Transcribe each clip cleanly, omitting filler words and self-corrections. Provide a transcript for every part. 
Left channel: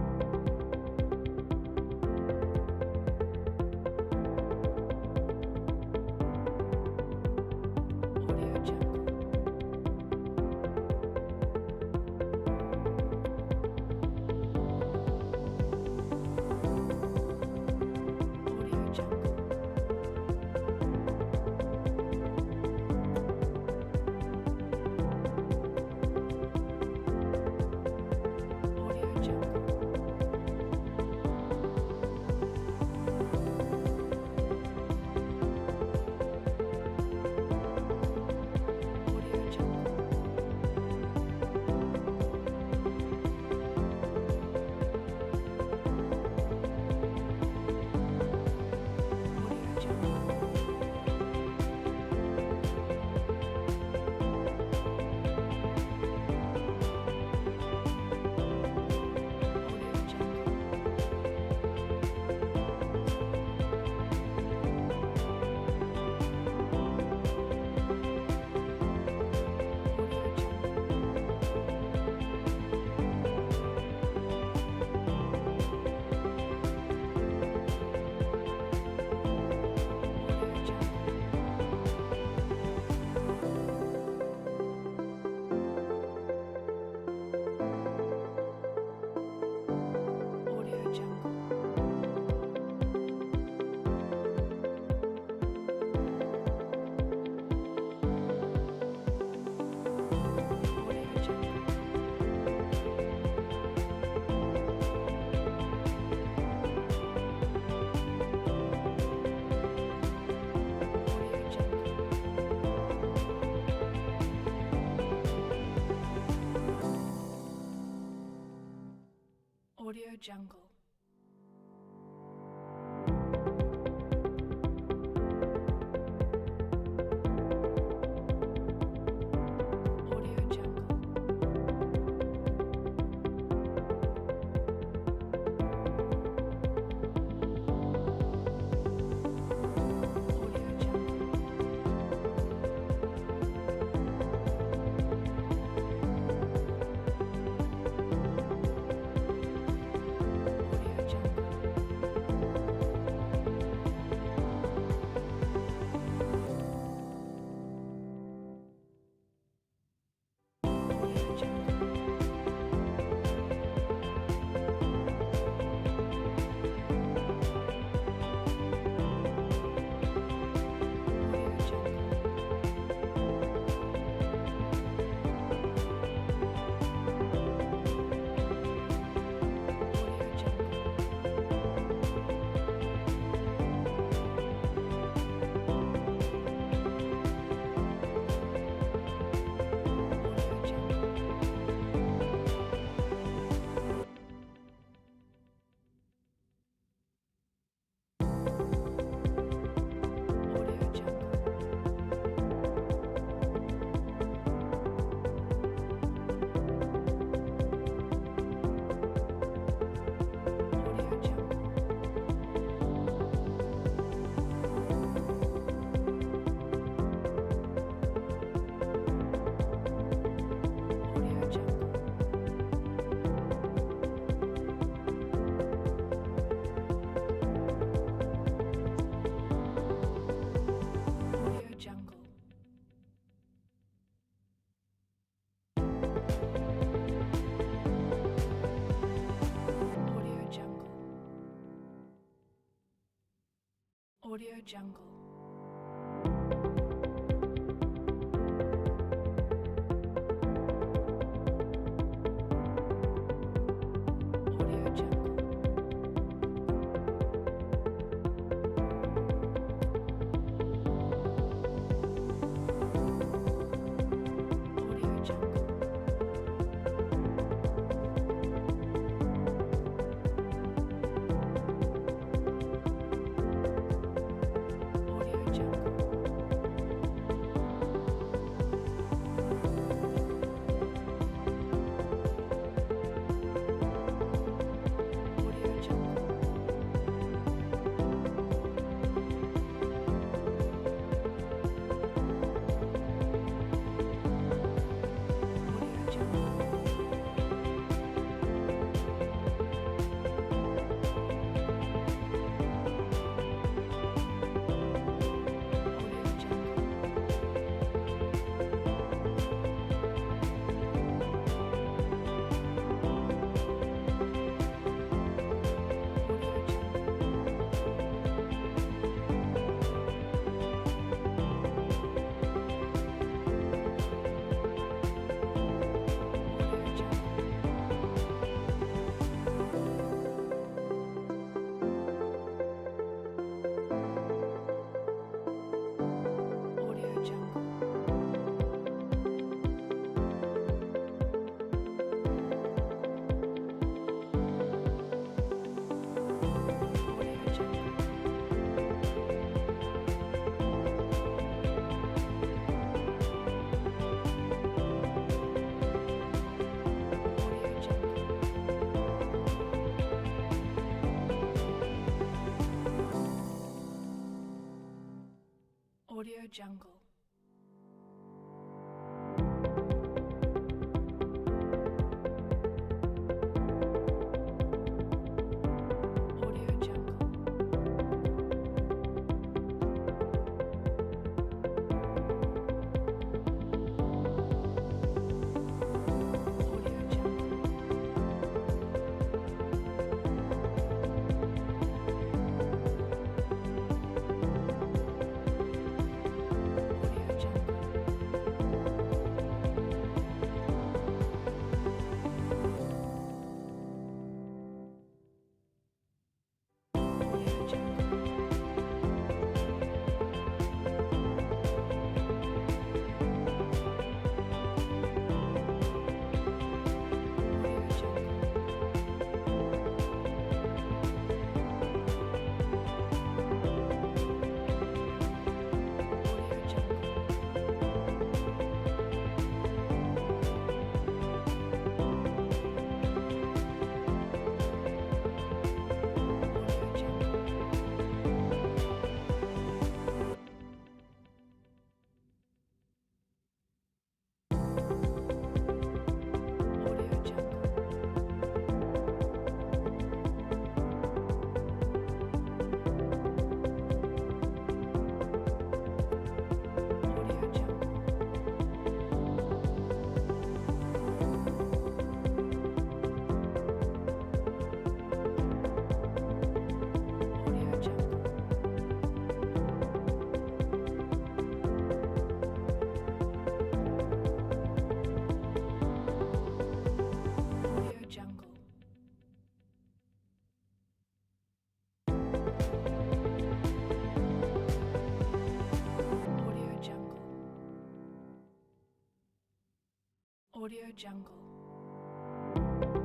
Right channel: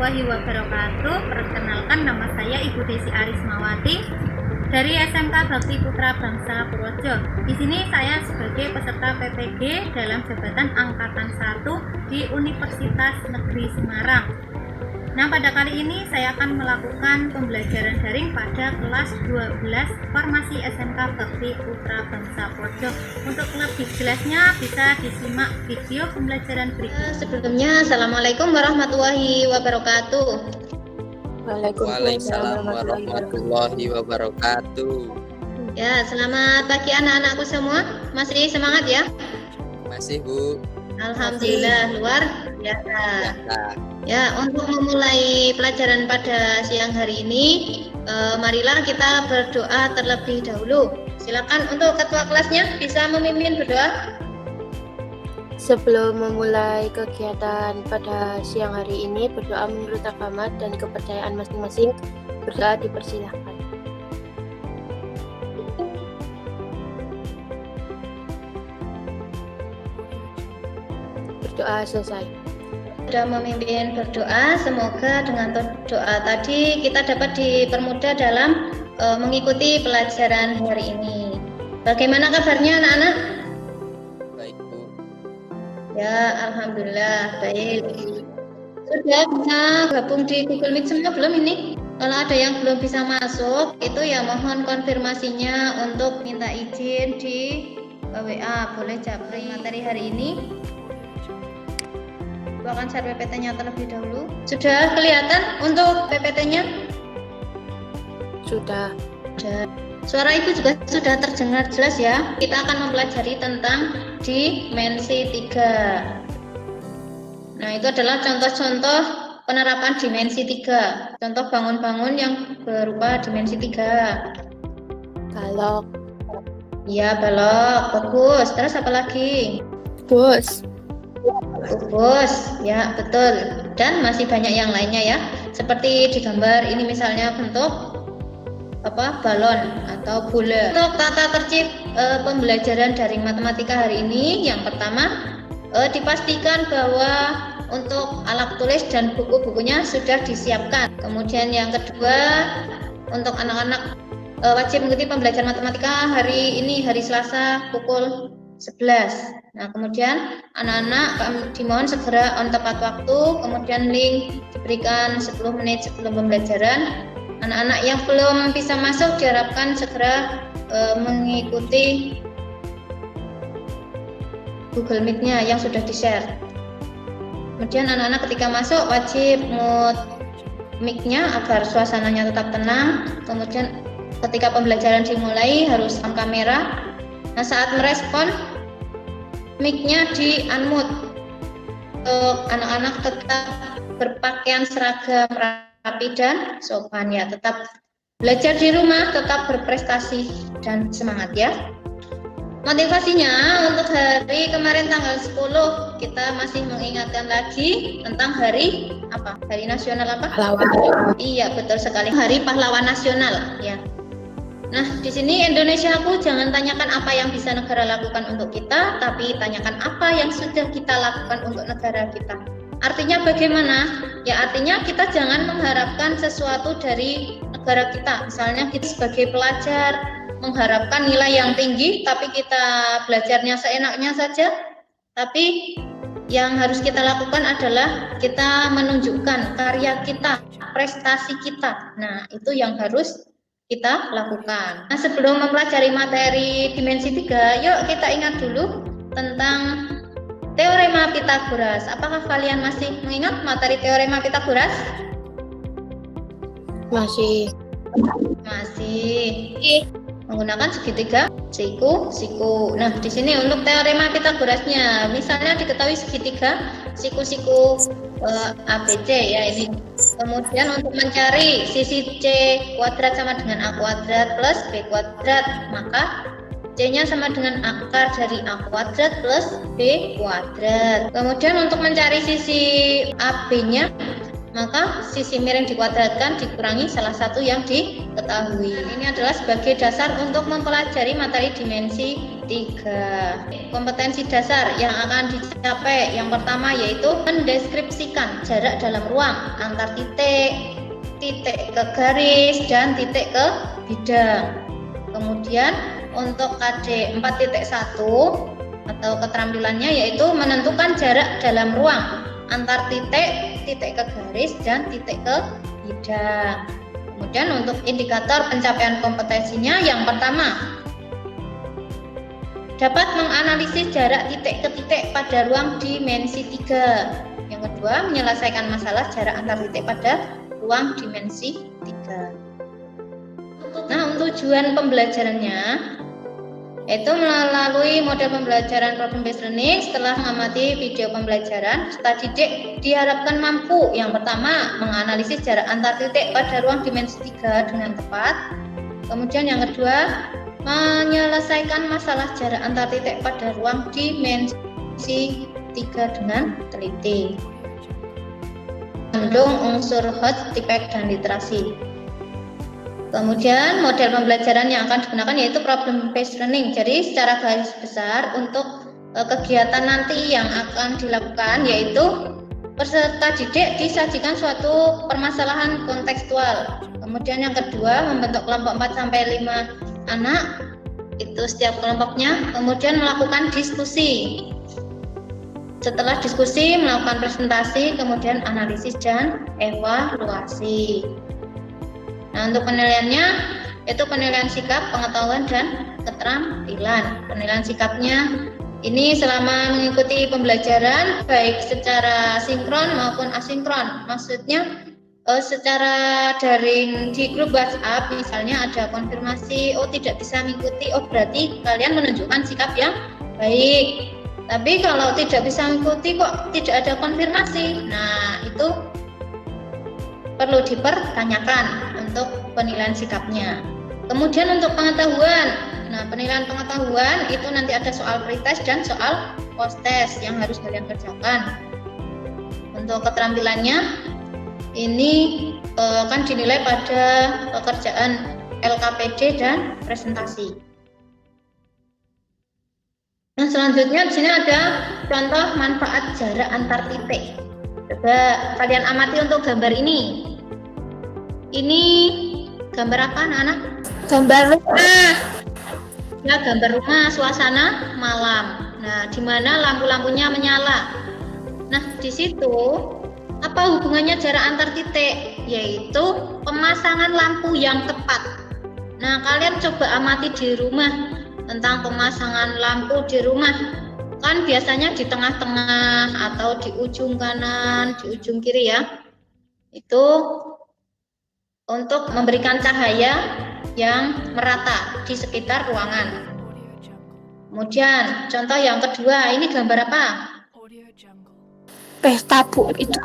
warahmatullahi wabarakatuh. Perkenalkan, nama saya Ibu Desi Arismawati dari SMK Bakti Putra Bangsa Purworejo. Di sini saya sebagai peserta PPG dalam jabatan angkatan 1 di Universitas Negeri Semarang. Nah, pada kali ini saya akan melakukan pembelajaran daring pada kelas 12 Farmasi SMK Bakti Putra Bangsa Purworejo. Untuk lebih jelasnya bisa disimak video pembelajaran berikut. Sebelumnya, Assalamualaikum warahmatullahi wabarakatuh. Waalaikumsalam warahmatullahi wabarakatuh. Ya, selamat pagi anak-anakku semua. Masih semangat ya? Masih, Bu. Alhamdulillah, luar biasa. Ya, untuk memulai pelajaran pada siang hari ini, marilah kita berdoa terlebih dahulu. Silakan untuk ketua kelasnya bisa memimpin berdoa. Sebelum memulai kegiatan pada siang hari ini, berdoa menurut agama dan kepercayaan masing-masing. Berdoa dipersilahkan. Berdoa selesai. Sudah memimpin berdoa, semoga dengan doa tadi kita dapat dipermudah dalam mengikuti pelajaran hari ini. Bagaimana kabarnya anak-anak? Baik, Bu. Ya, alhamdulillah baik. Sudah bisa gabung di Google Meet semua belum ini? Kalau ada yang belum bisa masuk, itu ya mohon konfirmasinya untuk minta izin di WA. Boleh japri materi hari ini. Akan share PPT-nya terlebih dahulu. Sudah kelihatan untuk PPT-nya? Sudah. Suara Ibu juga sudah terdengar jelas ya. Kita akan mempelajari tentang dimensi 3. Nah, itu adalah contoh-contoh penerapan dimensi 3. Contoh bangun-bangun yang berupa dimensi 3. Balok. Iya, balok. Bagus. Terus apa lagi? Bus. Bus, ya betul. Dan masih banyak yang lainnya ya. Seperti di gambar ini misalnya bentuk balon atau bola. Untuk tata tertib pembelajaran daring matematika hari ini, yang pertama dipastikan bahwa untuk alat tulis dan buku-bukunya sudah disiapkan. Kemudian yang kedua, untuk anak-anak wajib mengikuti pembelajaran matematika hari ini, hari Selasa pukul 11. Nah, kemudian anak-anak dimohon segera on tepat waktu, kemudian link diberikan 10 menit sebelum pembelajaran. Anak-anak yang belum bisa masuk diharapkan segera mengikuti Google Meet-nya yang sudah di-share. Kemudian anak-anak ketika masuk wajib mute mic-nya agar suasananya tetap tenang. Kemudian ketika pembelajaran dimulai harus on kamera. Nah, saat merespon mic-nya di unmute. Untuk anak-anak tetap berpakaian seragam rapi dan sopan ya. Tetap belajar di rumah, tetap berprestasi dan semangat ya. Motivasinya untuk hari kemarin tanggal 10 kita masih mengingatkan lagi tentang hari apa? Hari nasional apa? Pahlawan. Iya, betul sekali. Hari Pahlawan Nasional ya. Nah, di sini Indonesiaku, jangan tanyakan apa yang bisa negara lakukan untuk kita, tapi tanyakan apa yang sudah kita lakukan untuk negara kita. Artinya bagaimana? Ya, artinya kita jangan mengharapkan sesuatu dari negara kita. Misalnya kita sebagai pelajar mengharapkan nilai yang tinggi, tapi kita belajarnya seenaknya saja. Tapi yang harus kita lakukan adalah kita menunjukkan karya kita, prestasi kita. Nah, itu yang harus kita lakukan. Nah, sebelum mempelajari materi dimensi 3, yuk kita ingat dulu tentang teorema Pythagoras. Apakah kalian masih mengingat materi teorema Pythagoras? Masih. Menggunakan segitiga siku. Nah, di sini untuk teorema Pythagorasnya, misalnya diketahui segitiga siku ABC ya ini. Kemudian untuk mencari sisi C kuadrat sama dengan A kuadrat plus B kuadrat, maka C-nya sama dengan akar dari A kuadrat plus B kuadrat. Kemudian untuk mencari sisi AB-nya, maka sisi miring dikuadratkan dikurangi salah satu yang diketahui. Ini adalah sebagai dasar untuk mempelajari materi dimensi 3. Kompetensi dasar yang akan dicapai yang pertama yaitu mendeskripsikan jarak dalam ruang antar titik, titik ke garis, dan titik ke bidang. Kemudian untuk KD 4.1 atau keterampilannya yaitu menentukan jarak dalam ruang antar titik, titik ke garis, dan titik ke bidang. Kemudian untuk indikator pencapaian kompetensinya yang pertama dapat menganalisis jarak titik ke titik pada ruang dimensi 3. Yang kedua menyelesaikan masalah jarak antar titik pada ruang dimensi 3. Nah, untuk tujuan pembelajarannya yaitu melalui model pembelajaran problem based learning. Setelah mengamati video pembelajaran, peserta didik diharapkan mampu yang pertama menganalisis jarak antar titik pada ruang dimensi 3 dengan tepat. Kemudian yang kedua menyelesaikan masalah jarak antar titik pada ruang dimensi 3 dengan teliti. Mengandung unsur hot, tipek, dan literasi. Kemudian model pembelajaran yang akan digunakan yaitu problem based learning. Jadi secara garis besar untuk kegiatan nanti yang akan dilakukan yaitu peserta didik disajikan suatu permasalahan kontekstual. Kemudian yang kedua membentuk kelompok 4 sampai 5 anak itu setiap kelompoknya. Kemudian melakukan diskusi. Setelah diskusi melakukan presentasi, kemudian analisis dan evaluasi. Nah, untuk penilaiannya itu penilaian sikap, pengetahuan, dan keterampilan. Penilaian sikapnya ini selama mengikuti pembelajaran baik secara sinkron maupun asinkron. Maksudnya secara daring di grup WhatsApp misalnya ada konfirmasi, oh tidak bisa mengikuti, oh berarti kalian menunjukkan sikap yang baik. Tapi kalau tidak bisa mengikuti kok tidak ada konfirmasi, nah itu perlu dipertanyakan untuk penilaian sikapnya. Kemudian untuk pengetahuan, nah penilaian pengetahuan itu nanti ada soal pretest dan soal post-test yang harus kalian kerjakan. Untuk keterampilannya ini akan dinilai pada pekerjaan LKPD dan presentasi. Nah selanjutnya di sini ada contoh manfaat jarak antar titik. Coba kalian amati untuk gambar ini. Ini gambar apa anak-anak? Gambar rumah. Ya, gambar rumah suasana malam. Nah, di mana lampu-lampunya menyala. Nah, di situ apa hubungannya jarak antar titik? Yaitu pemasangan lampu yang tepat. Nah, kalian coba amati di rumah tentang pemasangan lampu di rumah. Kan biasanya di tengah-tengah atau di ujung kanan, di ujung kiri ya. Itu untuk memberikan cahaya yang merata di sekitar ruangan. Kemudian contoh yang kedua, ini gambar apa? Pesta Bu itu.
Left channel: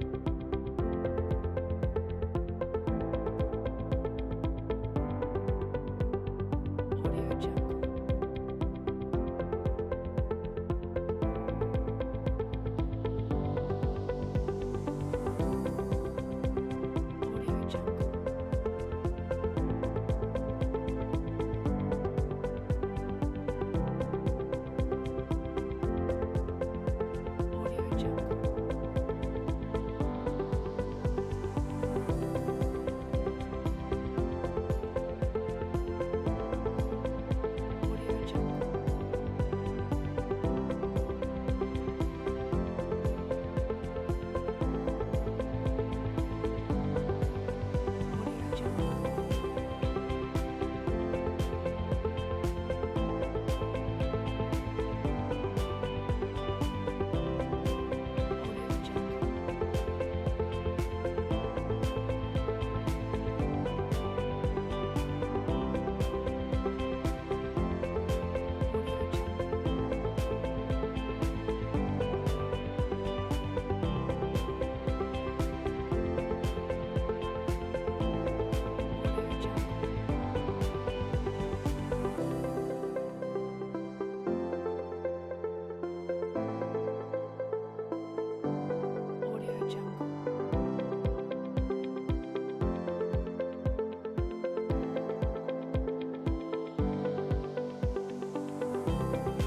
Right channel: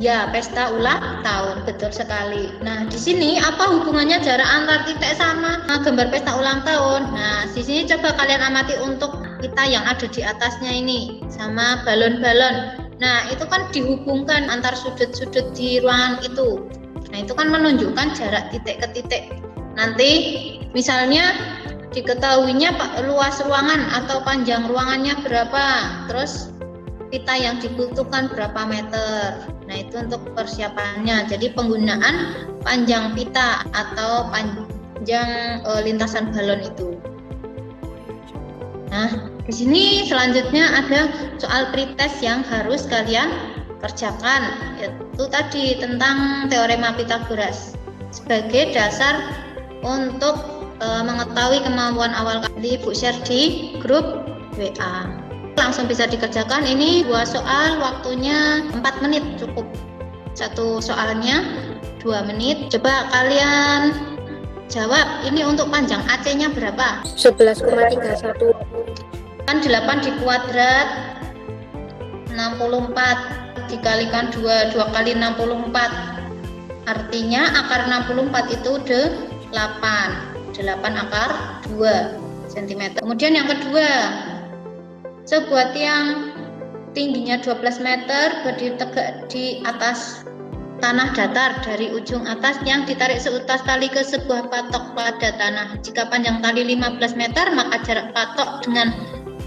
Iya, pesta ulang tahun, betul sekali. Nah, di sini apa hubungannya jarak antar titik sama gambar pesta ulang tahun? Nah, di sini coba kalian amati untuk kita yang ada di atasnya ini sama balon-balon. Nah, itu kan dihubungkan antar sudut-sudut di ruangan itu. Nah, itu kan menunjukkan jarak titik ke titik. Nanti misalnya diketahuinya luas ruangan atau panjang ruangannya berapa, terus pita yang dibutuhkan berapa meter. Nah, itu untuk persiapannya. Jadi penggunaan panjang pita atau panjang lintasan balon itu. Nah, di sini selanjutnya ada soal pretest yang harus kalian kerjakan, yaitu tadi tentang teorema Pythagoras sebagai dasar untuk mengetahui kemampuan awal. Kali Ibu share di grup WA. Langsung bisa dikerjakan. Ini 2 soal, waktunya 4 menit cukup. Satu soalnya 2 menit. Coba kalian jawab, ini untuk panjang AC-nya berapa? 11,31. Kan 8 dikuadrat 64 dikalikan 2 kali 64, artinya akar 64 itu 8 akar 2 cm. Kemudian yang kedua, sebuah tiang tingginya 12 meter berdiri tegak di atas tanah datar dari ujung atas yang ditarik seutas tali ke sebuah patok pada tanah. Jika panjang tali 15 meter, maka jarak patok dengan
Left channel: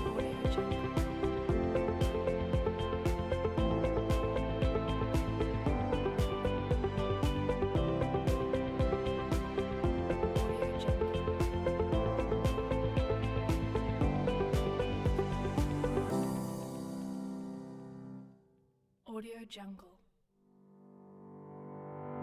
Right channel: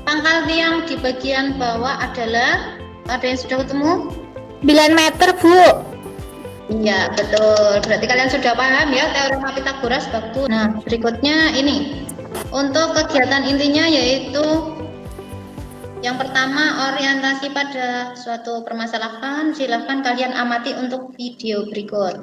pangkal tiang di bagian bawah adalah, ada yang sudah ketemu? 9 meter, Bu. Iya, betul. Berarti kalian sudah paham ya teorema Pythagoras bab 1. Nah, berikutnya ini. Untuk kegiatan intinya yaitu yang pertama, orientasi pada suatu permasalahan. Silahkan kalian amati untuk video berikut.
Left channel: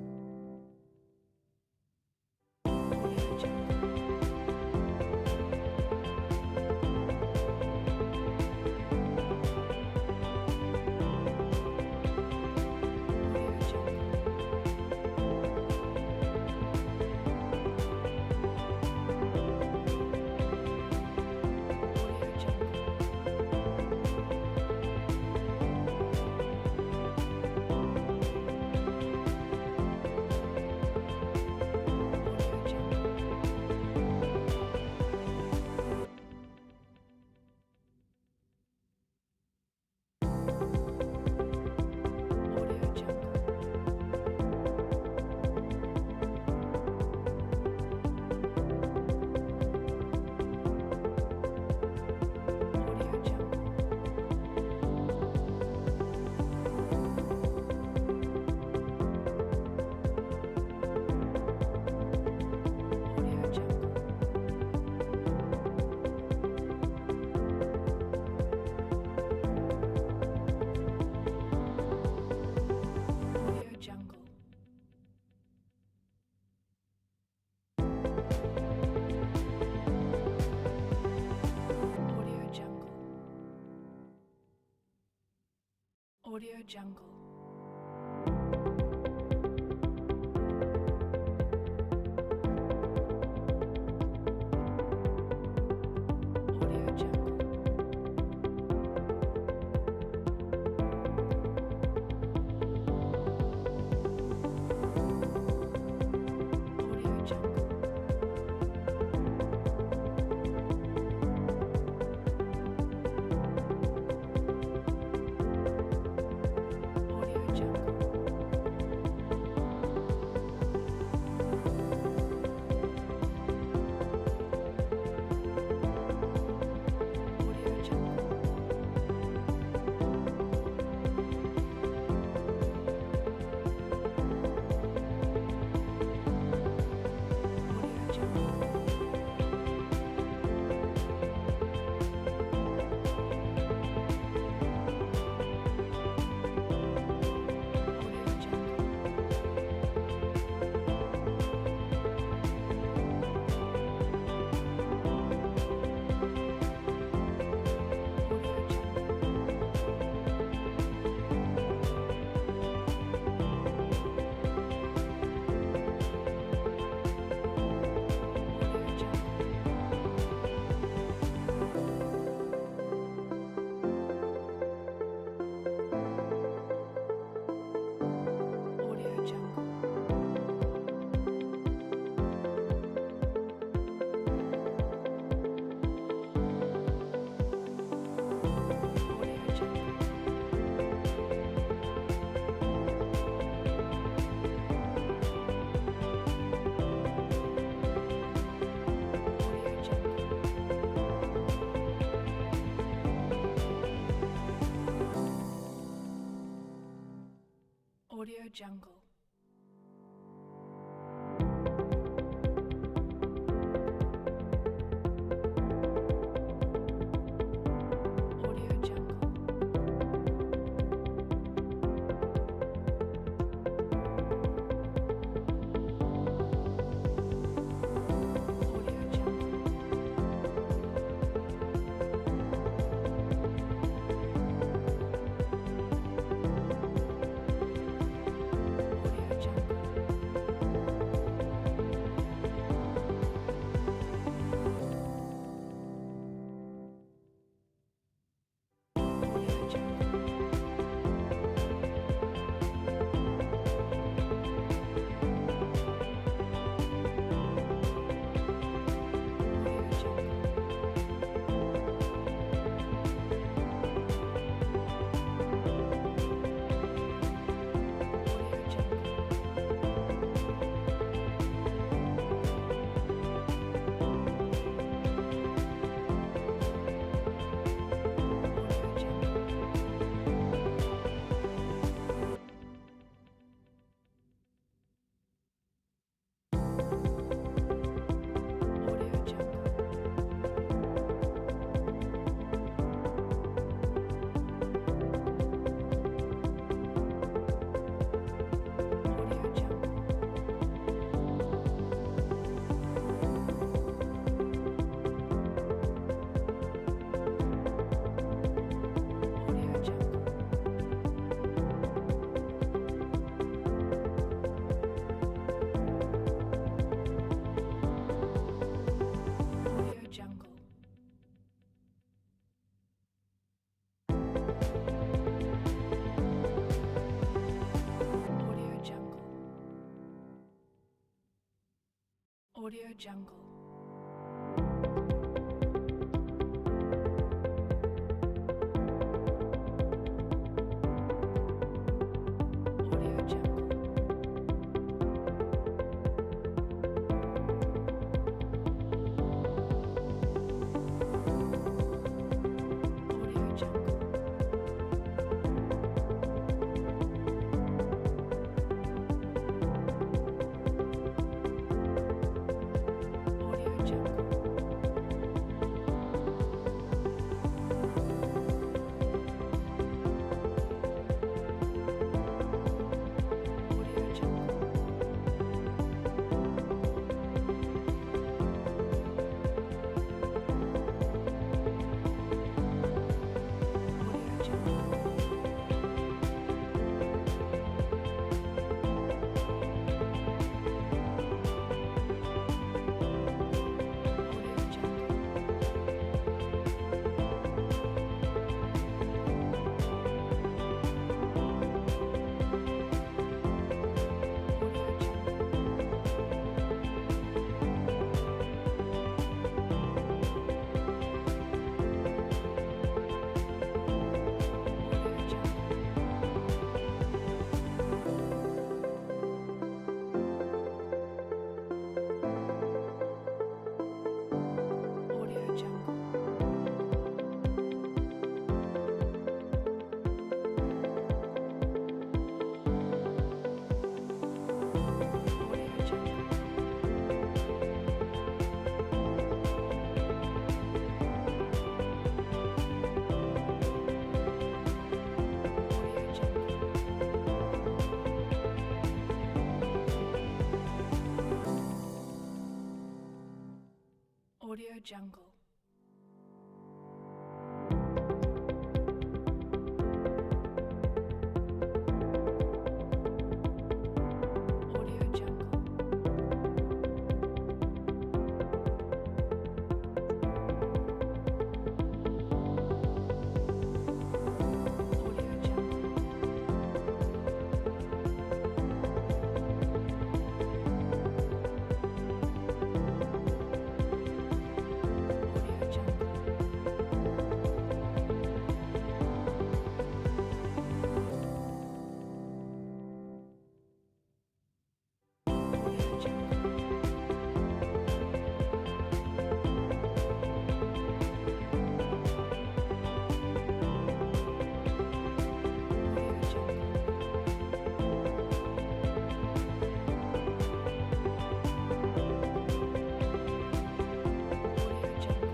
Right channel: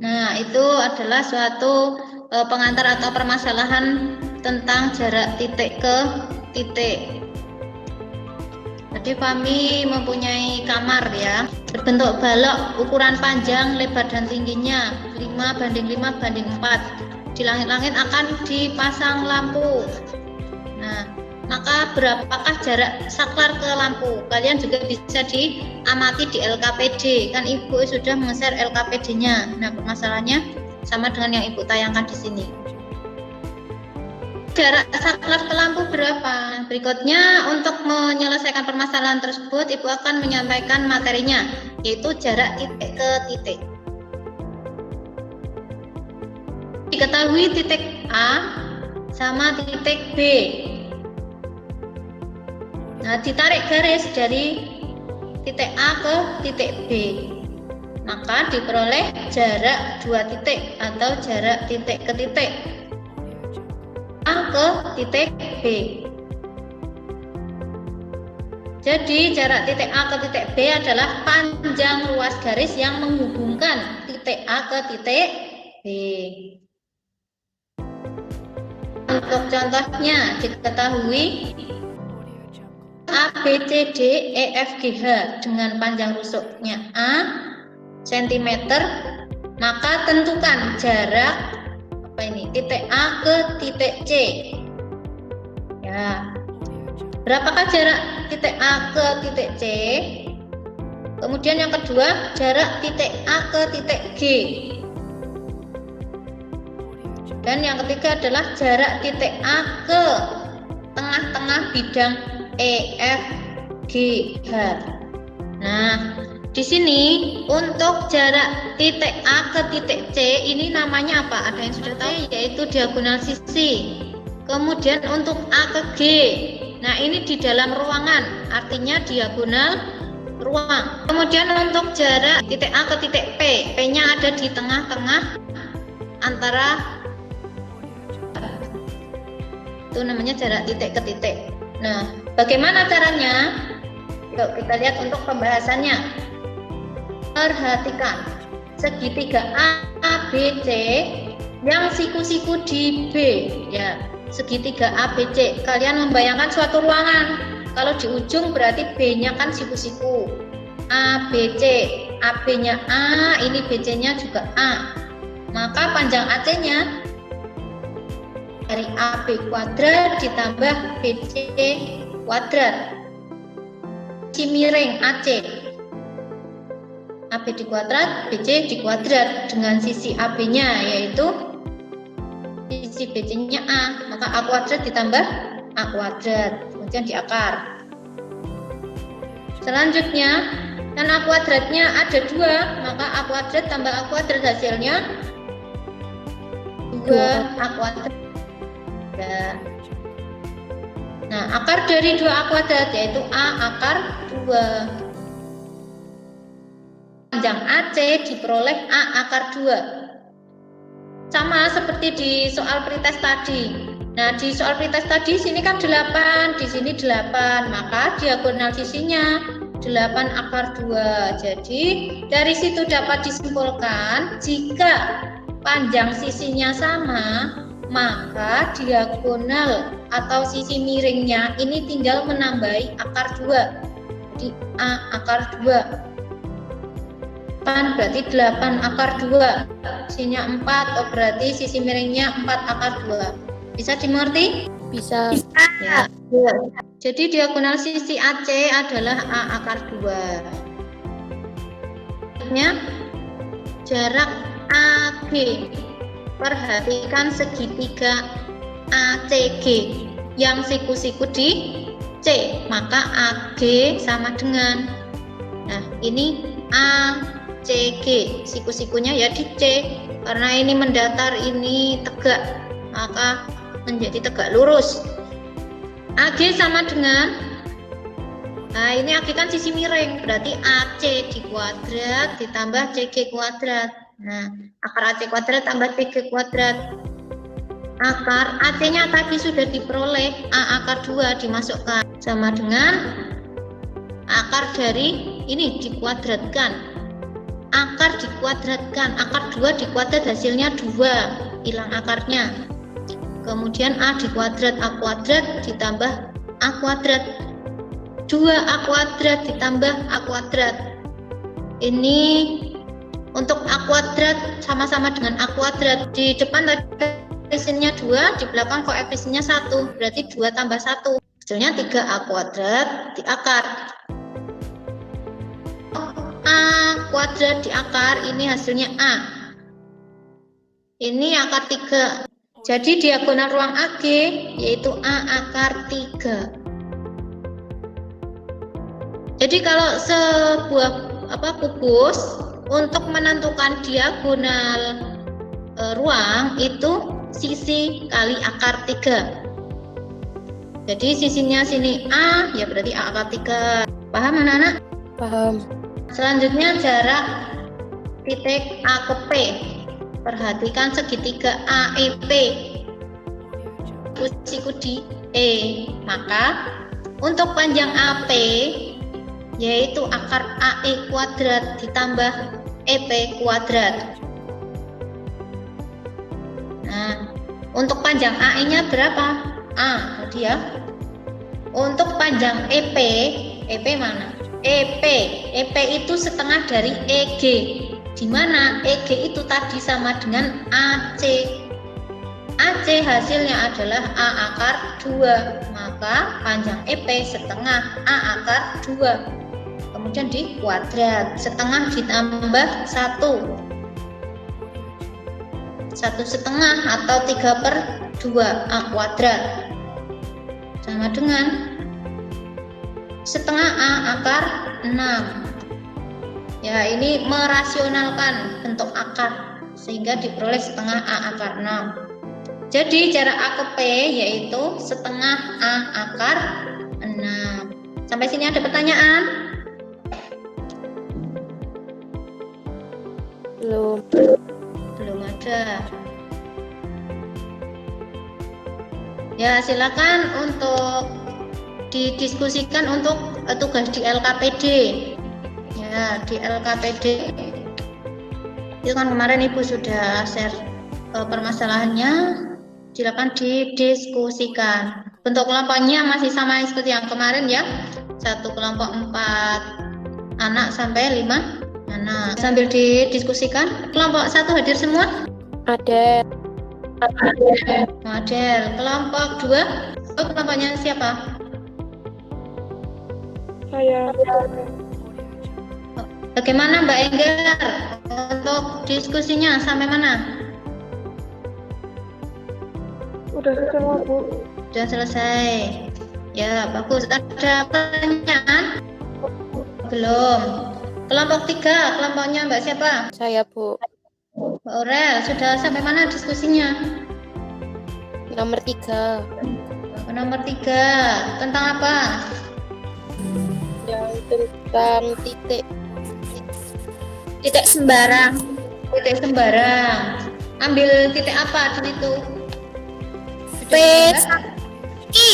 Nah, itu adalah suatu pengantar atau permasalahan tentang jarak titik ke titik. Jadi kami mempunyai kamar ya, berbentuk balok, ukuran panjang, lebar dan tingginya 5:5:4. Di langit-langit akan dipasang lampu. Nah, maka berapakah jarak saklar ke lampu? Kalian juga bisa diamati di LKPD. Kan Ibu sudah meng-share LKPD-nya. Nah, permasalahannya sama dengan yang Ibu tayangkan di sini. Jarak saklar ke lampu berapa? Berikutnya, untuk menyelesaikan permasalahan tersebut, Ibu akan menyampaikan materinya, yaitu jarak titik ke titik. Diketahui titik A sama titik B. Nah, ditarik garis dari titik A ke titik B, maka diperoleh jarak 2 titik atau jarak titik ke titik A ke titik B. Jadi jarak titik A ke titik B adalah panjang ruas garis yang menghubungkan titik A ke titik B. Untuk contohnya diketahui A, B, C, D, E, F, G, H dengan panjang rusuknya A cm, maka tentukan jarak titik A ke titik C. Ya. Berapakah jarak titik A ke titik C? Kemudian yang kedua, jarak titik A ke titik G. Dan yang ketiga adalah jarak titik A ke tengah-tengah bidang E, F, G, H. Nah, di sini untuk jarak titik A ke titik C ini namanya apa? Ada yang sudah tahu, yaitu diagonal sisi. Kemudian untuk A ke G, nah ini di dalam ruangan, artinya diagonal ruang. Kemudian untuk jarak titik A ke titik P, P-nya ada di tengah-tengah antara, itu namanya jarak titik ke titik. Nah, bagaimana caranya? Yuk kita lihat untuk pembahasannya. Perhatikan segitiga A, B, C yang siku-siku di B, ya. Segitiga A, B, C. Kalian membayangkan suatu ruangan. Kalau di ujung berarti B-nya kan siku-siku. A, B, C. AB-nya A, ini BC-nya juga A. Maka panjang AC-nya dari AB kuadrat ditambah BC kuadrat. Si miring AC. AB di kuadrat, BC di kuadrat dengan sisi AB-nya yaitu sisi BC-nya A, maka A kuadrat ditambah A kuadrat, kemudian diakar. Selanjutnya, karena A kuadratnya ada 2, maka A kuadrat tambah A kuadrat hasilnya 2 A kuadrat. Nah, akar dari 2A kuadrat yaitu A akar 2. Panjang AC diperoleh A akar 2. Sama seperti di soal pretest tadi. Nah, di soal pretest tadi sini kan 8, di sini 8, maka diagonal sisinya 8 akar 2. Jadi, dari situ dapat disimpulkan jika panjang sisinya sama, maka diagonal atau sisi miringnya ini tinggal menambahi akar 2. jadi A akar 2. 8 berarti 8 akar 2. Sisinya 4, oh berarti sisi miringnya 4 akar 2. Bisa dimengerti? Bisa. Ya. Jadi diagonal sisi AC adalah A akar 2. Jarak AG. Perhatikan segitiga ACG yang siku-siku di C, maka AG sama dengan, nah ini ACG, siku-sikunya ya di C, karena ini mendatar, ini tegak, maka menjadi tegak lurus. AG sama dengan, nah ini AG kan sisi miring, berarti AC di kuadrat ditambah CG kuadrat. Nah, akar AC kuadrat tambah CG kuadrat. Akar AC-nya tadi sudah diperoleh, A akar 2 dimasukkan sama dengan akar dari ini dikuadratkan. Akar dikuadratkan, akar 2 dikuadrat hasilnya 2, hilang akarnya. Kemudian A dikuadrat, A kuadrat ditambah A kuadrat. 2A kuadrat ditambah A kuadrat. Ini untuk A kuadrat sama-sama dengan A kuadrat. Di depan tadi koefisiennya 2, di belakang koefisiennya 1, berarti 2 tambah 1, hasilnya 3A kuadrat di akar. A kuadrat di akar, ini hasilnya A. Ini akar 3. Jadi diagonal ruang AG yaitu A akar 3. Jadi kalau sebuah kubus untuk menentukan diagonal ruang itu sisi kali akar 3. Jadi sisinya sini A, ya berarti A akar 3. Paham anak-anak? Paham. Selanjutnya jarak titik A ke P. Perhatikan segitiga AEP. Siku di E. Maka untuk panjang AP yaitu akar AE kuadrat ditambah EP kuadrat. Untuk panjang AE-nya berapa? A, tadi ya. Untuk panjang EP, EP mana? EP itu setengah dari EG. Di mana EG itu tadi sama dengan AC. AC hasilnya adalah A akar 2. Maka panjang EP setengah A akar 2. Kemudian di kuadrat. Setengah ditambah 1. 1/2 atau 3/2 A kuadrat sama dengan setengah A akar 6. Ya, ini merasionalkan bentuk akar sehingga diperoleh setengah A akar 6. Jadi jarak A ke P yaitu setengah A akar 6. Sampai sini ada pertanyaan? Belum. Belum ada. Ya, silakan untuk didiskusikan untuk tugas di LKPD. Ya, di LKPD. Itu kan kemarin Ibu sudah share permasalahannya. Silakan didiskusikan. Bentuk kelompoknya masih sama seperti yang kemarin ya. Satu kelompok 4 anak sampai 5 anak. Sambil didiskusikan. Kelompok 1 hadir semua? Ada. Model. Kelompok 2, kelompoknya siapa? Saya. Bagaimana Mbak Enggar untuk diskusinya sampai mana? Udah selesai, Bu. Sudah selesai. Ya, bagus. Ada pertanyaan? Belum. Kelompok 3, kelompoknya Mbak siapa? Saya, Bu. Mbak Aurel, sudah sampai mana diskusinya? Nomor 3. Nomor 3, tentang apa? Yang tentang titik. Titik sembarang. Titik sembarang. Ambil titik apa di situ? P, I.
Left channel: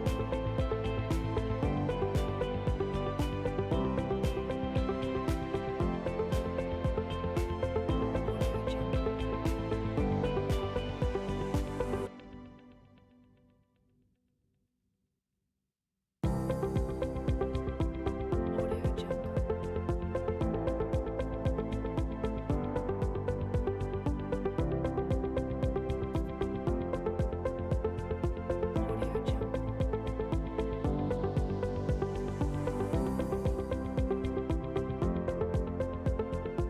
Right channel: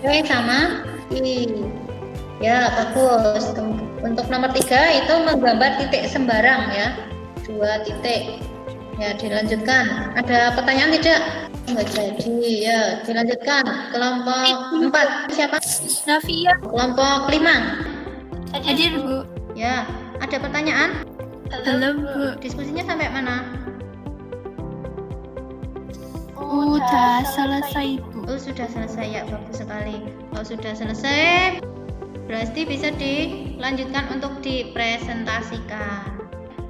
Oke, sama I. Ya, bagus. Untuk nomor 3 itu menggambar titik sembarang ya. 2 titik. Ya, dilanjutkan. Ada pertanyaan tidak? Nggak jadi. Ya, dilanjutkan. Kelompok 4. Siapa? Navia. Kelompok 5. Hadir, Bu. Ya, ada pertanyaan? Belum, Bu. Diskusinya sampai mana? Udah selesai, Bu. Oh, sudah selesai ya, bagus sekali. Kalau sudah selesai, berarti bisa dilanjutkan untuk dipresentasikan.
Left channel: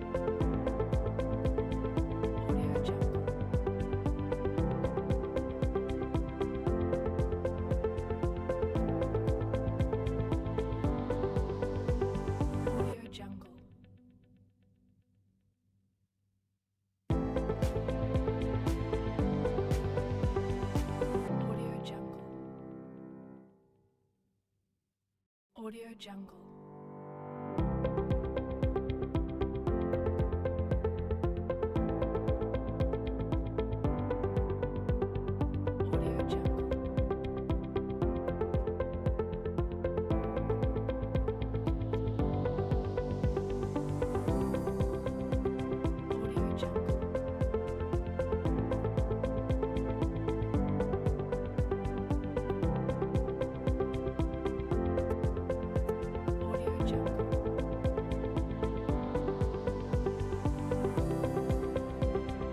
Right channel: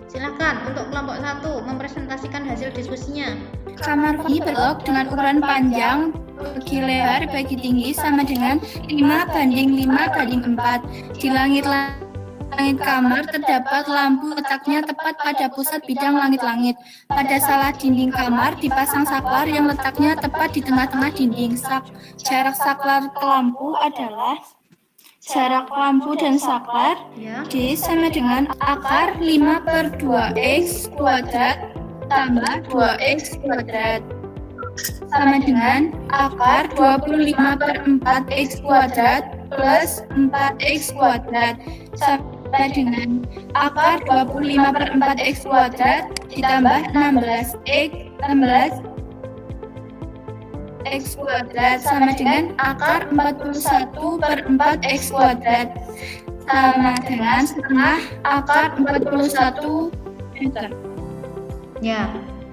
Silakan untuk kelompok 1 mempresentasikan hasil diskusinya. Kamar ini berblok dengan ukuran panjang bagi lebar bagi tinggi sama dengan 5:5:4. Di langit kamar terdapat lampu letaknya tepat pada pusat bidang langit-langit. Pada salah dinding kamar dipasang saklar yang letaknya tepat di tengah-tengah dinding. Jarak saklar ke lampu adalah jarak lampu dan saklar Ya. D sama dengan akar 5/2x kuadrat tambah 2x kuadrat sama dengan akar 25/4x kuadrat plus 4x kuadrat sama dengan akar 25/4x kuadrat ditambah 16x kuadrat sama dengan akar 41/4x kuadrat sama dengan setengah akar 41 meter. Ya,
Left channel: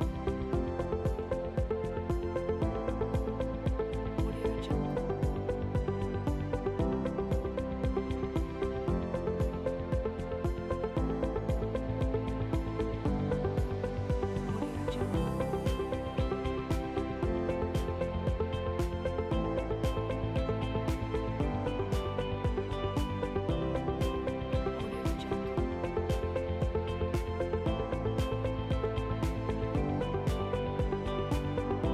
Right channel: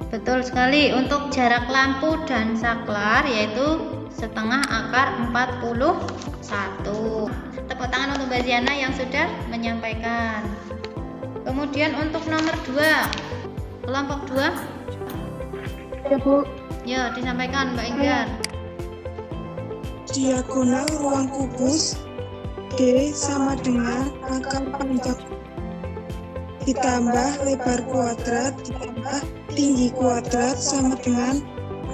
betul sekali. Untuk jarak lampu dan saklar yaitu setengah akar 41. Tepuk tangan untuk Mbak Ziana yang sudah menyampaikan. Kemudian untuk nomor 2, kelompok 2. Ya, Bu. Ya, disampaikan Mbak Enggar. Diagonal ruang kubus D sama dengan akar panjang ditambah lebar kuadrat ditambah tinggi kuadrat sama dengan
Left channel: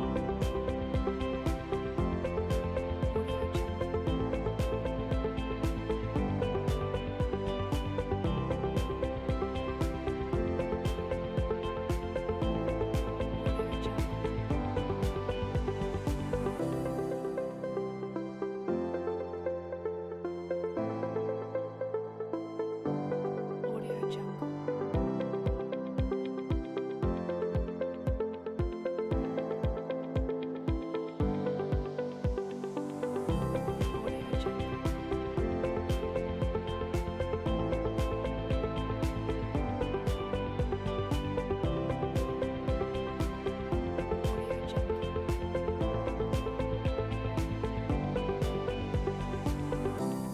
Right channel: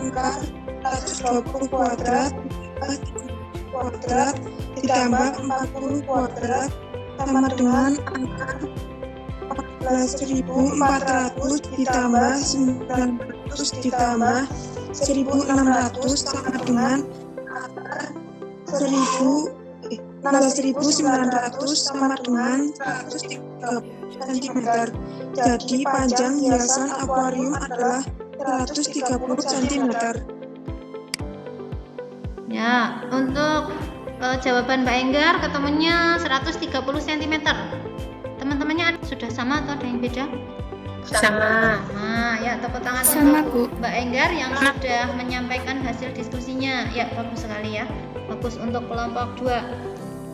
akar 120 kuadrat ditambah 30 kuadrat ditambah 40 kuadrat sama dengan akar 14.400 ditambah 900 ditambah 1.600 sama dengan akar 16.900 sama dengan 130 cm. Jadi panjang hiasan akuarium adalah 130 cm. Ya, untuk jawaban Mbak Enggar ketemunya 130 cm. Teman-temannya sudah sama atau ada yang beda? Sama. Nah, ya tepuk tangan Sama, untuk Bu. Mbak Enggar yang sudah menyampaikan hasil diskusinya. Ya, bagus sekali ya. Bagus untuk kelompok 2.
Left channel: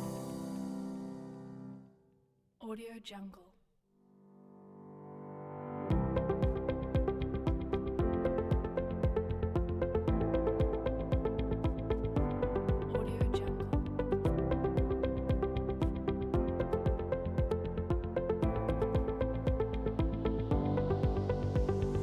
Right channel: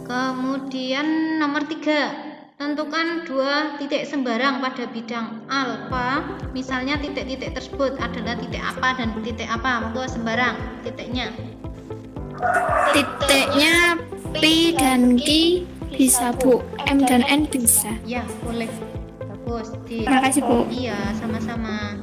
Kemudian nomor 3, tentukan 2 titik sembarang pada bidang alfa. Misalnya titik-titik tersebut adalah titik apa dan titik apa. Monggo sembarang titiknya. Titiknya P dan Q bisa, Bu. M dan N bisa. Ya, boleh. Bagus. Terima kasih, Bu. Iya, sama-sama.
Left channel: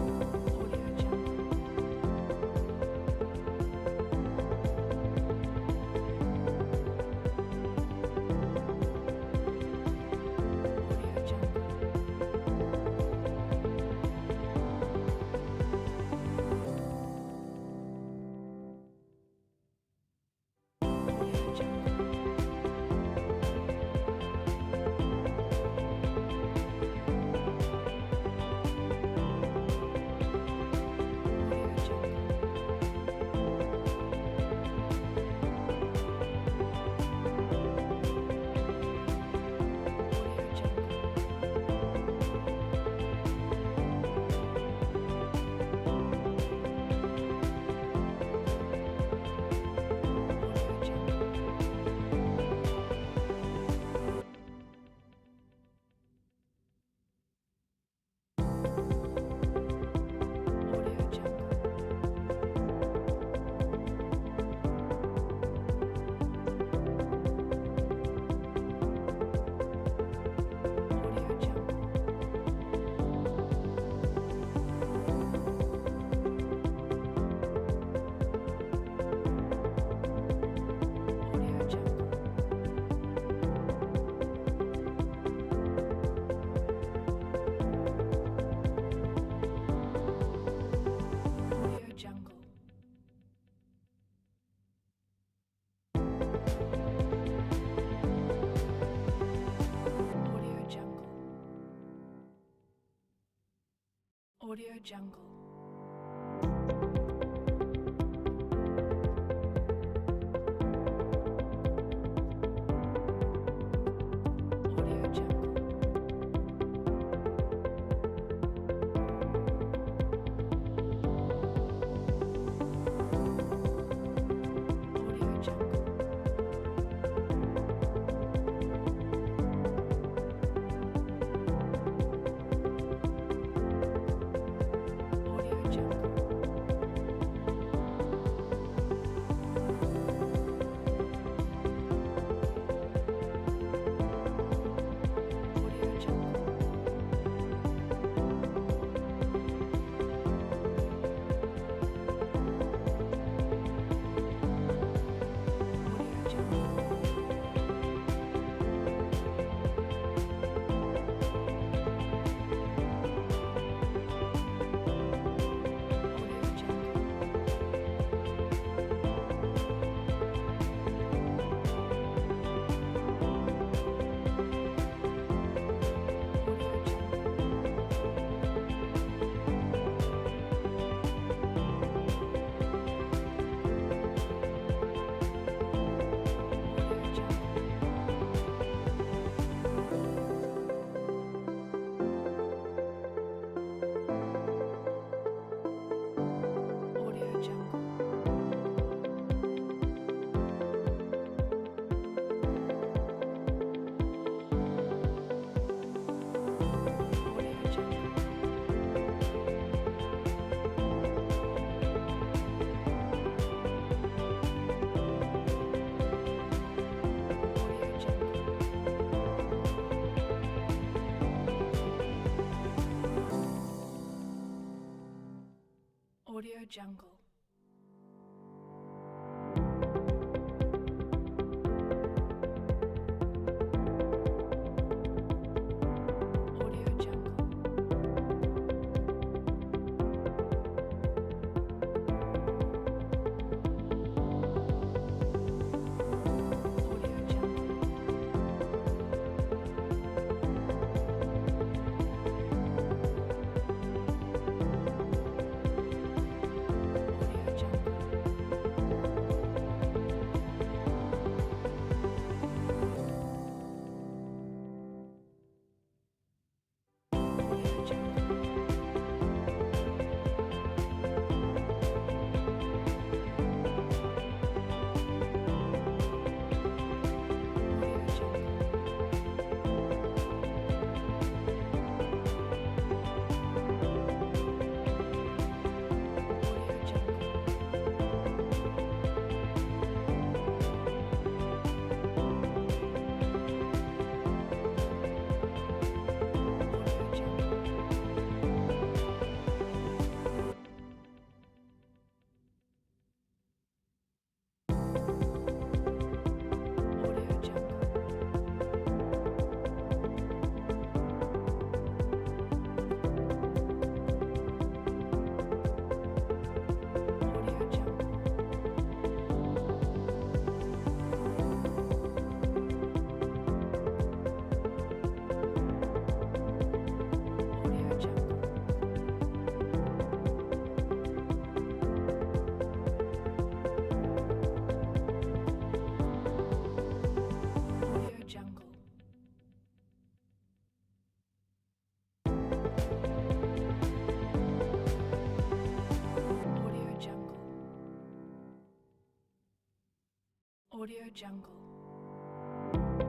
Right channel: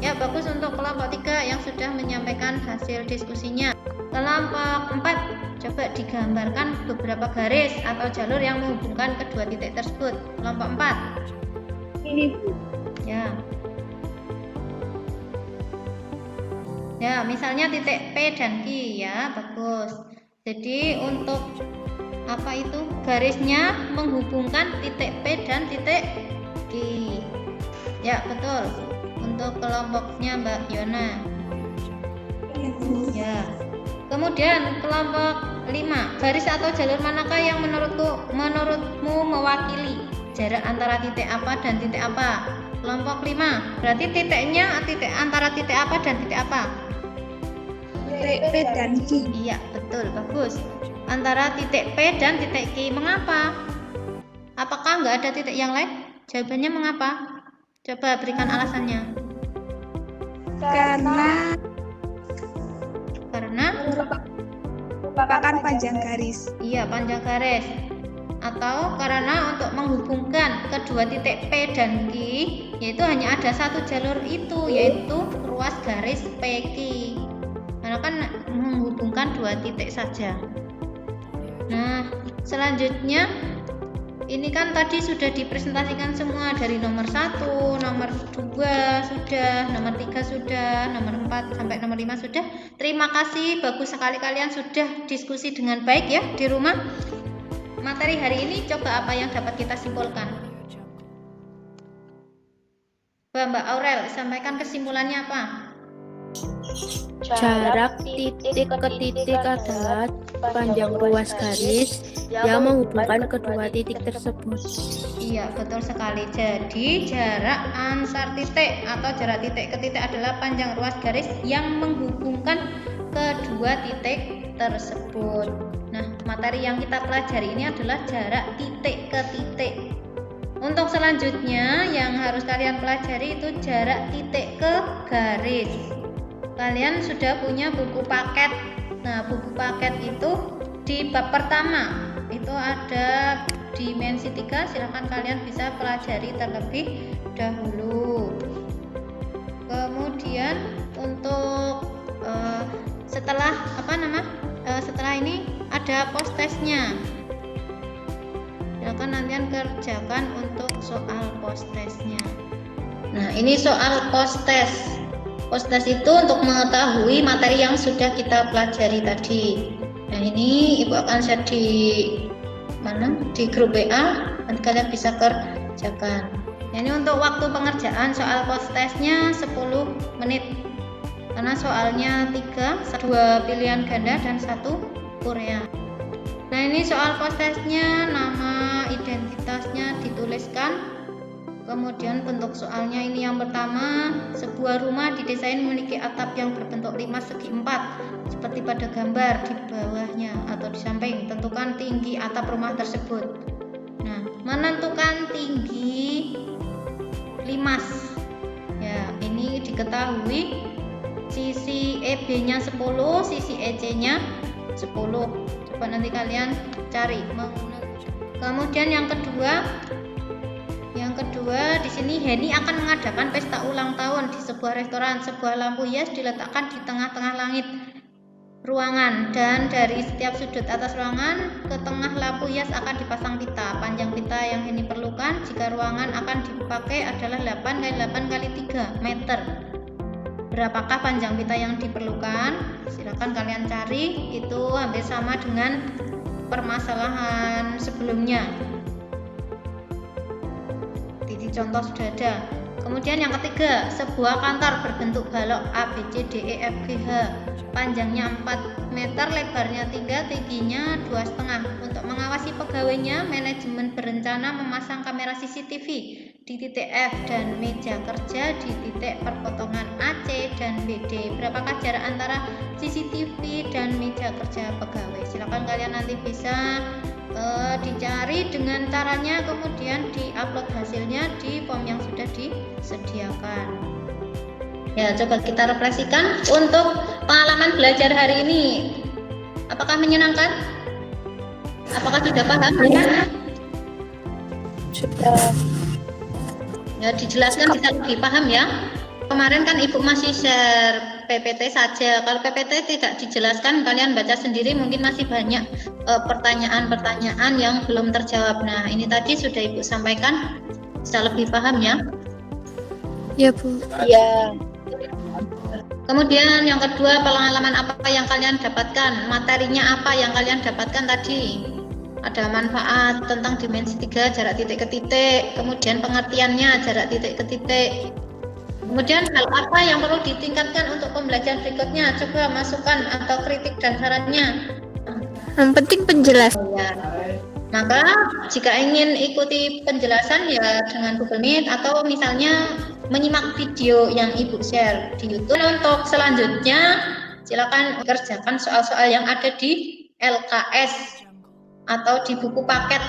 Ya, bagus untuk kelompok 3 yang sudah menyampaikan hasil diskusinya. Kelompok 4, coba digambarkan beberapa garis atau jalur yang menghubungkan kedua titik tersebut. Kelompok 4. Ini, Bu. Ya. Ya, misalnya titik P dan Q ya, bagus. Jadi untuk apa itu? Garisnya menghubungkan titik P dan titik Q. Ya, betul. Untuk kelompoknya Mbak Yona. Ya. Kemudian kelompok 5, garis atau jalur manakah yang menurutmu mewakili jarak antara titik apa dan titik apa? Kelompok 5, berarti titiknya antara titik apa dan titik apa? Titik P dan Q. Iya, betul, bagus. Antara titik P dan titik Q. Mengapa? Apakah nggak ada titik yang lain? Jawabannya mengapa? Coba berikan alasannya. Karena merupakan panjang garis. Iya, panjang garis. Atau karena untuk menghubungkan kedua titik P dan Q, yaitu hanya ada satu jalur itu, yaitu ruas garis PQ. Karena kan menghubungkan dua titik saja. Nah, selanjutnya ini kan tadi sudah dipresentasikan semua dari nomor 1, nomor 2 sudah, nomor 3 sudah, nomor 4 sampai nomor 5 sudah. Terima kasih, bagus sekali kalian sudah diskusi dengan baik ya di rumah. Materi hari ini coba apa yang dapat kita simpulkan? Mbak Aurel, sampaikan kesimpulannya apa? Jarak titik ke titik adalah panjang ruas garis yang menghubungkan kedua titik tersebut. Iya, betul sekali. Jadi jarak antar titik atau jarak titik ke titik adalah panjang ruas garis yang menghubungkan kedua titik tersebut. Nah, materi yang kita pelajari ini adalah jarak titik ke titik. Untuk selanjutnya yang harus kalian pelajari itu jarak titik ke garis. Kalian sudah punya buku paket. Nah, buku paket itu di bab pertama itu ada dimensi 3, silahkan kalian bisa pelajari terlebih dahulu. Kemudian untuk setelah ini ada post testnya. Silahkan nanti kerjakan untuk soal post testnya. Nah, ini soal post test. Post test itu untuk mengetahui materi yang sudah kita pelajari tadi. Nah, ini Ibu akan share di grup WA, nanti kalian bisa kerjakan. Nah, ini untuk waktu pengerjaan soal post testnya 10 menit. Karena soalnya 3, 2 pilihan ganda dan 1 Korea. Nah, ini soal post testnya, nama identitasnya dituliskan. Kemudian bentuk soalnya ini yang pertama, sebuah rumah didesain memiliki atap yang berbentuk 5 segi 4 seperti pada gambar di bawahnya atau di samping. Tentukan tinggi atap rumah tersebut. Nah, menentukan tinggi limas. Ya, ini diketahui sisi EB-nya 10, sisi EC-nya 10. Coba nanti kalian cari. Kemudian yang kedua di sini Heni akan mengadakan pesta ulang tahun di sebuah restoran. Sebuah lampu hias diletakkan di tengah-tengah langit ruangan dan dari setiap sudut atas ruangan ke tengah lampu hias akan dipasang pita. Panjang pita yang Heni perlukan jika ruangan akan dipakai adalah 8 x 8 x 3 meter. Berapakah panjang pita yang diperlukan? Silakan kalian cari, itu hampir sama dengan permasalahan sebelumnya. Contoh sudah ada. Kemudian yang ketiga, sebuah kantor berbentuk balok A, B, C, D, E, F, G, H. Panjangnya 4 meter, lebarnya 3, tingginya 2,5. Untuk mengawasi pegawainya, manajemen berencana memasang kamera CCTV di titik F dan meja kerja di titik perpotongan AC dan BD. Berapakah jarak antara CCTV dan meja kerja pegawai? Silakan kalian nanti bisa dicari dengan caranya, kemudian diupload hasilnya di form yang sudah disediakan. Ya, coba kita refleksikan untuk pengalaman belajar hari ini. Apakah menyenangkan? Apakah sudah paham? Sudah. Ya, dijelaskan bisa lebih paham ya. Kemarin kan Ibu masih share PPT saja. Kalau PPT tidak dijelaskan, kalian baca sendiri, mungkin masih banyak pertanyaan-pertanyaan yang belum terjawab. Nah, ini tadi sudah Ibu sampaikan, bisa lebih paham ya. Ya, Bu. Ya. Kemudian yang kedua, pengalaman apa yang kalian dapatkan? Materinya apa yang kalian dapatkan tadi? Ada manfaat tentang dimensi 3, jarak titik ke titik. Kemudian pengertiannya, jarak titik ke titik. Kemudian hal apa yang perlu ditingkatkan untuk pembelajaran berikutnya? Coba masukkan atau kritik dan sarannya. Yang penting penjelasan. Ya. Maka jika ingin ikuti penjelasan ya dengan Google Meet atau misalnya menyimak video yang Ibu share di YouTube. Untuk selanjutnya silakan kerjakan soal-soal yang ada di LKS atau di buku paket.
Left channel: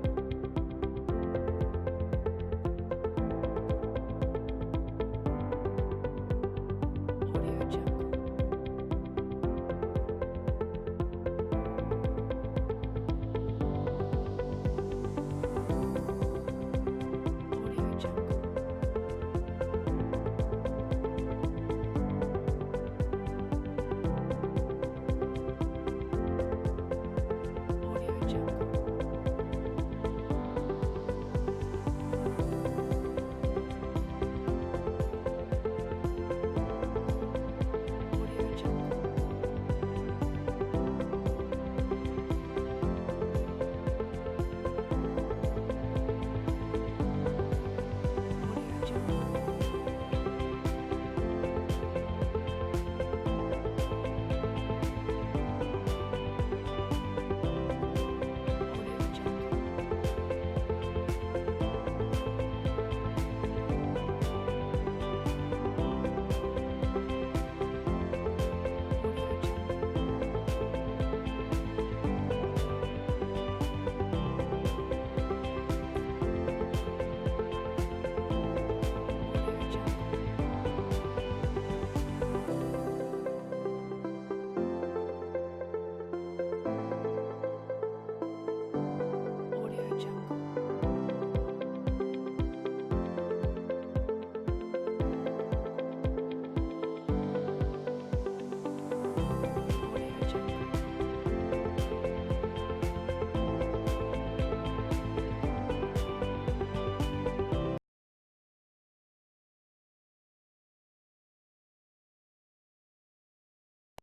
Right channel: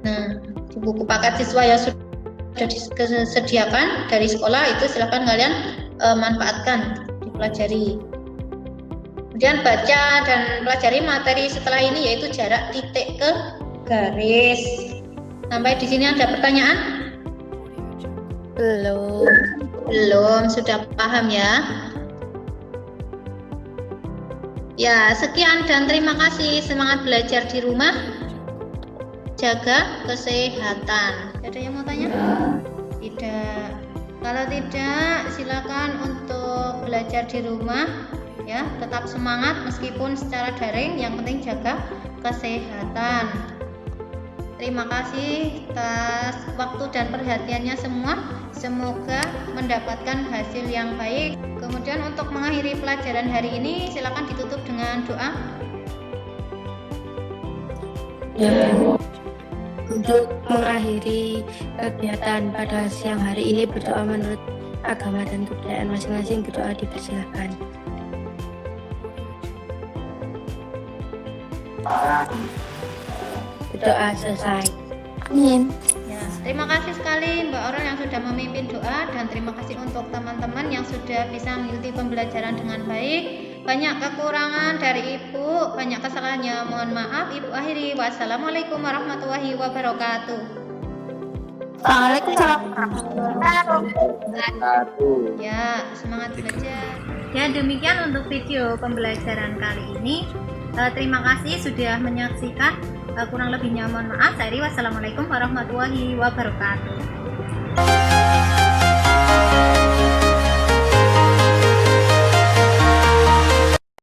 Nah, di buku paket siswa yang sudah disediakan dari sekolah itu silakan kalian manfaatkan, dipelajari. Kemudian baca dan pelajari materi setelah ini yaitu jarak titik ke garis. Sampai di sini ada pertanyaan? Belum, sudah paham ya? Ya, sekian dan terima kasih. Semangat belajar di rumah. Jaga kesehatan. Ada yang mau tanya? Tidak. Kalau tidak, silakan untuk belajar di rumah ya, tetap semangat meskipun secara daring, yang penting jaga kesehatan. Terima kasih atas waktu dan perhatiannya semua. Semoga mendapatkan hasil yang baik. Kemudian untuk mengakhiri mengakhiri pelajaran hari ini, silakan ditutup dengan doa. Ya, Bu. Untuk mengakhiri kegiatan pada siang hari ini, berdoa menurut agama dan kebudayaan masing-masing. Berdoa dipersilakan. Berdoa selesai. Amin. Ya, terima kasih sekali Mbak Orel yang sudah memimpin doa, dan terima kasih untuk teman-teman yang sudah bisa mengikuti pembelajaran dengan baik. Banyak kekurangan dari Ibu, banyak kesalahannya, mohon maaf. Ibu akhiri. Wassalamualaikum warahmatullahi wabarakatuh. Waalaikumsalam. Ya, semangat belajar. Ya, demikian untuk video pembelajaran kali ini. Terima kasih sudah menyaksikan. Kurang lebihnya mohon maaf. Wassalamualaikum warahmatullahi wabarakatuh.